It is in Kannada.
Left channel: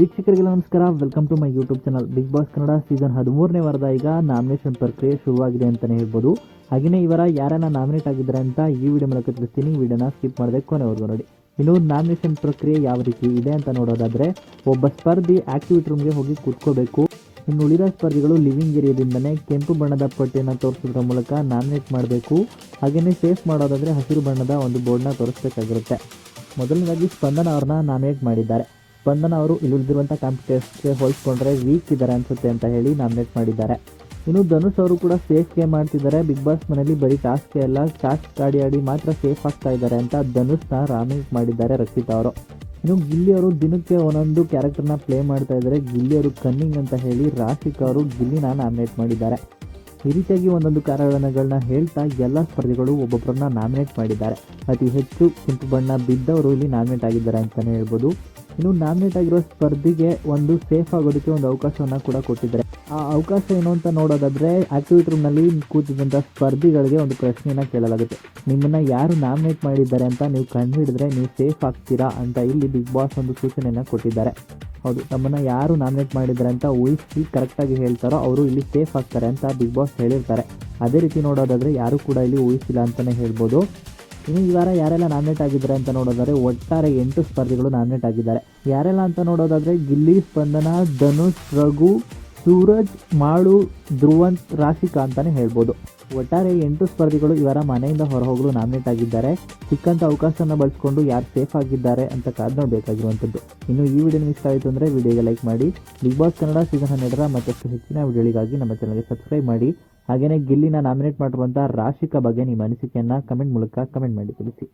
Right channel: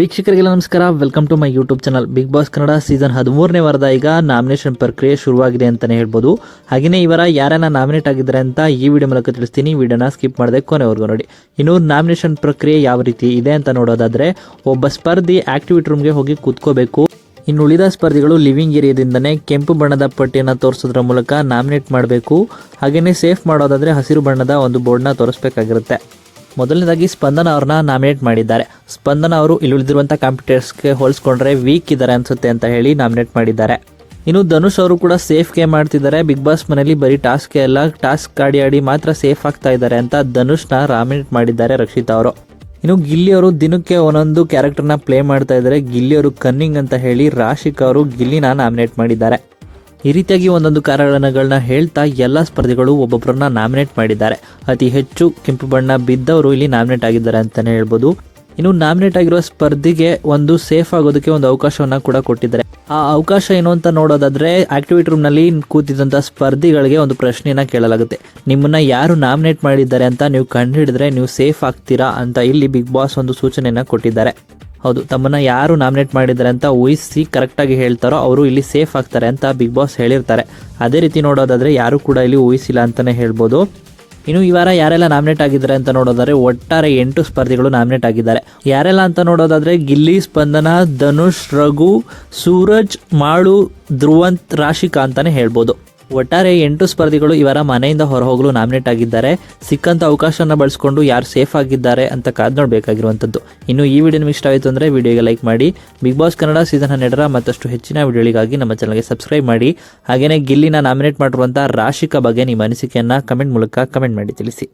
ವೀಕ್ಷಕರಿಗೆಲ್ಲ ನಮಸ್ಕಾರ. Welcome to my YouTube channel. Bigg Boss Kannada season 13ನೇ ವಾರದ ಈಗ ನಾಮಿನೇಷನ್ ಪ್ರಕ್ರಿಯೆ ಶುರುವಾಗಿದೆ ಅಂತಲೇ ಹೇಳ್ಬೋದು. ಹಾಗೆಯೇ ಇವರ ಯಾರನ್ನ ನಾಮಿನೇಟ್ ಆಗಿದ್ದಾರೆ ಅಂತ ಈ ವಿಡಿಯೋ ಮೂಲಕ ತಿಳಿಸ್ತೀನಿ. ವಿಡಿಯೋನ ಸ್ಕಿಪ್ ಮಾಡದೆ ಕೊನೆವರೆಗೂ ನೋಡಿ. ಇನ್ನು ನಾಮಿನೇಷನ್ ಪ್ರಕ್ರಿಯೆ ಯಾವ ರೀತಿ ಇದೆ ಅಂತ ನೋಡೋದಾದರೆ, ಒಬ್ಬ ಸ್ಪರ್ಧಿ ಆಕ್ಟಿವಿಟಿ ರೂಮ್ಗೆ ಹೋಗಿ ಕೂತ್ಕೋಬೇಕು. ಇನ್ನು ಉಳಿದ ಸ್ಪರ್ಧಿಗಳು ಲಿವಿಂಗ್ ಏರಿಯಾದಿಂದನೇ ಕೆಂಪು ಬಣ್ಣದ ಪಟ್ಟಿಯನ್ನು ತೋರಿಸೋದ್ರ ಮೂಲಕ ನಾಮಿನೇಟ್ ಮಾಡಬೇಕು. ಹಾಗೆಯೇ ಸೇಫ್ ಮಾಡೋದಾದರೆ ಹಸಿರು ಬಣ್ಣದ ಒಂದು ಬೋರ್ಡ್ನ ತೋರಿಸಬೇಕಾಗಿರುತ್ತೆ. ಮೊದಲನೇದಾಗಿ ಸ್ಪಂದನ ಅವ್ರನ್ನ ನಾಮಿನೇಟ್ ಮಾಡಿದ್ದಾರೆ. ಸ್ಪಂದನ ಅವರು ಇಲ್ಲಿ ಉಳಿದಿರುವಂಥ ಕಾಂಪಿಟೇಟರ್ಸ್ಗೆ ಹೋಲಿಸ್ಕೊಂಡ್ರೆ ವೀಕ್ ಇದ್ದಾರೆ ಅನ್ಸುತ್ತೆ ಅಂತ ಹೇಳಿ ನಾಮಿನೇಟ್ ಮಾಡಿದ್ದಾರೆ. ಇನ್ನು ಧನುಷ್ ಅವರು ಕೂಡ ಸೇಫ್ ಗೇಮ್ ಮಾಡ್ತಿದ್ದಾರೆ. ಬಿಗ್ ಬಾಸ್ ಮನೆಯಲ್ಲಿ ಬರೀ ಟಾಸ್ಕ್ ಎಲ್ಲ ಟಾಸ್ಕ್ ಆಡಿ ಮಾತ್ರ ಸೇಫ್ ಆಗ್ತಾ ಇದ್ದಾರೆ ಅಂತ ಧನುಷ್ನ ನಾಮಿನೇಟ್ ಮಾಡಿದ್ದಾರೆ ರಕ್ಷಿತಾ ಅವರು. ಇನ್ನು ಗಿಲ್ಲಿ ಅವರು ದಿನಕ್ಕೆ ಒಂದೊಂದು ಕ್ಯಾರೆಕ್ಟರ್ನ ಪ್ಲೇ ಮಾಡ್ತಾ ಇದ್ದಾರೆ. ಗಿಲ್ಲಿ ಅವರು ಕನ್ನಿಂಗ್ ಅಂತ ಹೇಳಿ ರಾಶಿಕಾ ಅವರು ಗಿಲ್ಲಿನ ನಾಮಿನೇಟ್ ಮಾಡಿದ್ದಾರೆ. ಈ ರೀತಿಯಾಗಿ ಒಂದೊಂದು ಕಾರಣಗಳನ್ನ ಹೇಳ್ತಾ ಎಲ್ಲ ಸ್ಪರ್ಧಿಗಳು ಒಬ್ಬೊಬ್ಬರನ್ನ ನಾಮಿನೇಟ್ ಮಾಡಿದ್ದಾರೆ. ಅತಿ ಹೆಚ್ಚು ಕೆಂಪು ಬಣ್ಣ ಬಿದ್ದವರು ಇಲ್ಲಿ ನಾಮಿನೇಟ್ ಆಗಿದ್ದಾರೆ ಅಂತಲೇ ಹೇಳ್ಬೋದು. ಇನ್ನು ನಾಮಿನೇಟ್ ಆಗಿರುವ ಸ್ಪರ್ಧಿಗೆ ಒಂದು ಸೇಫ್ ಆಗೋದಕ್ಕೆ ಒಂದು ಅವಕಾಶವನ್ನು ಕೂಡ ಕೊಟ್ಟಿದ್ದಾರೆ. ಆ ಅವಕಾಶ ಏನು ಅಂತ ನೋಡೋದಾದ್ರೆ, ಆಕ್ಟಿವಿಟಿ ರೂಮ್ನಲ್ಲಿ ಕೂತಿದ್ದಂಥ ಸ್ಪರ್ಧಿಗಳಿಗೆ ಒಂದು ಪ್ರಶ್ನೆಯನ್ನು ಕೇಳಲಾಗುತ್ತೆ. ನಿಮ್ಮನ್ನ ಯಾರು ನಾಮಿನೇಟ್ ಮಾಡಿದ್ದಾರೆ ಅಂತ ನೀವು ಕಂಡುಹಿಡಿದ್ರೆ ನೀವು ಸೇಫ್ ಆಗ್ತೀರಾ ಅಂತ ಇಲ್ಲಿ ಬಿಗ್ ಬಾಸ್ ಒಂದು ಸೂಚನೆಯನ್ನು ಕೊಟ್ಟಿದ್ದಾರೆ. ಹೌದು, ತಮ್ಮನ್ನ ಯಾರು ನಾಮಿನೇಟ್ ಮಾಡಿದ್ದಾರೆ ಅಂತ ಊಹಿಸಿ ಕರೆಕ್ಟಾಗಿ ಹೇಳ್ತಾರೋ ಅವರು ಇಲ್ಲಿ ಸೇಫ್ ಆಗ್ತಾರೆ ಅಂತ ಬಿಗ್ ಬಾಸ್ ಹೇಳಿರ್ತಾರೆ. ಅದೇ ರೀತಿ ನೋಡೋದಾದರೆ ಯಾರು ಕೂಡ ಇಲ್ಲಿ ಊಹಿಸಿಲ್ಲ ಅಂತಲೇ ಹೇಳ್ಬೋದು. ಇನ್ನು ಈ ವಾರ ಯಾರೆಲ್ಲ ನಾಮಿನೇಟ್ ಆಗಿದ್ದಾರೆ ಅಂತ ನೋಡೋದಾದರೆ ಒಟ್ಟಾರೆ 8 ಸ್ಪರ್ಧಿಗಳು ನಾಮಿನೇಟ್ ಆಗಿದ್ದಾರೆ. ಯಾರೆಲ್ಲ ಅಂತ ನೋಡೋದಾದರೆ ಗಿಲ್ಲಿ, ಸ್ಪಂದನ, ಧನುಷ್, ರಘು, ಸೂರಜ್, ಮಾಳು, ಧ್ರುವಂತ್, ರಾಶಿಕಾ ಅಂತಲೇ ಹೇಳ್ಬೋದು. ಒಟ್ಟಾರೆ 8 ಸ್ಪರ್ಧಿಗಳು ಇವರ ಮನೆಯಿಂದ ಹೊರಹೋಗಲು ನಾಮಿನೇಟ್ ಆಗಿದ್ದಾರೆ. ಸಿಕ್ಕಂಥ ಅವಕಾಶನ ಬಳಸ್ಕೊಂಡು ಯಾರು ಸೇಫ್ ಆಗಿದ್ದಾರೆ ಅಂತ ಕಾದು ನೋಡಬೇಕಾಗಿರುವಂಥದ್ದು. ಇನ್ನು ಈ ವಿಡಿಯೋ ನಿಮಗೆ ಇಷ್ಟ ಆಯಿತು ಅಂದರೆ ವಿಡಿಯೋಗೆ ಲೈಕ್ ಮಾಡಿ. ಬಿಗ್ ಬಾಸ್ ಕನ್ನಡ ಸೀಸನ್ 12ರ ಮತ್ತಷ್ಟು ಹೆಚ್ಚಿನ ವಿಡಿಯೋಗಳಿಗಾಗಿ ನಮ್ಮ ಚಾನಲ್ಗೆ ಸಬ್ಸ್ಕ್ರೈಬ್ ಮಾಡಿ. ಹಾಗೆಯೇ ಗಿಲ್ಲಿನ ನಾಮಿನೇಟ್ ಮಾಡಿರುವಂಥ ರಾಶಿಕಾ ಬಗ್ಗೆ ನಿಮ್ಮ ಅನಿಸಿಕೆಯನ್ನು ಕಮೆಂಟ್ ಮೂಲಕ ಕಮೆಂಟ್ ಮಾಡಿ ತಿಳಿಸಿ.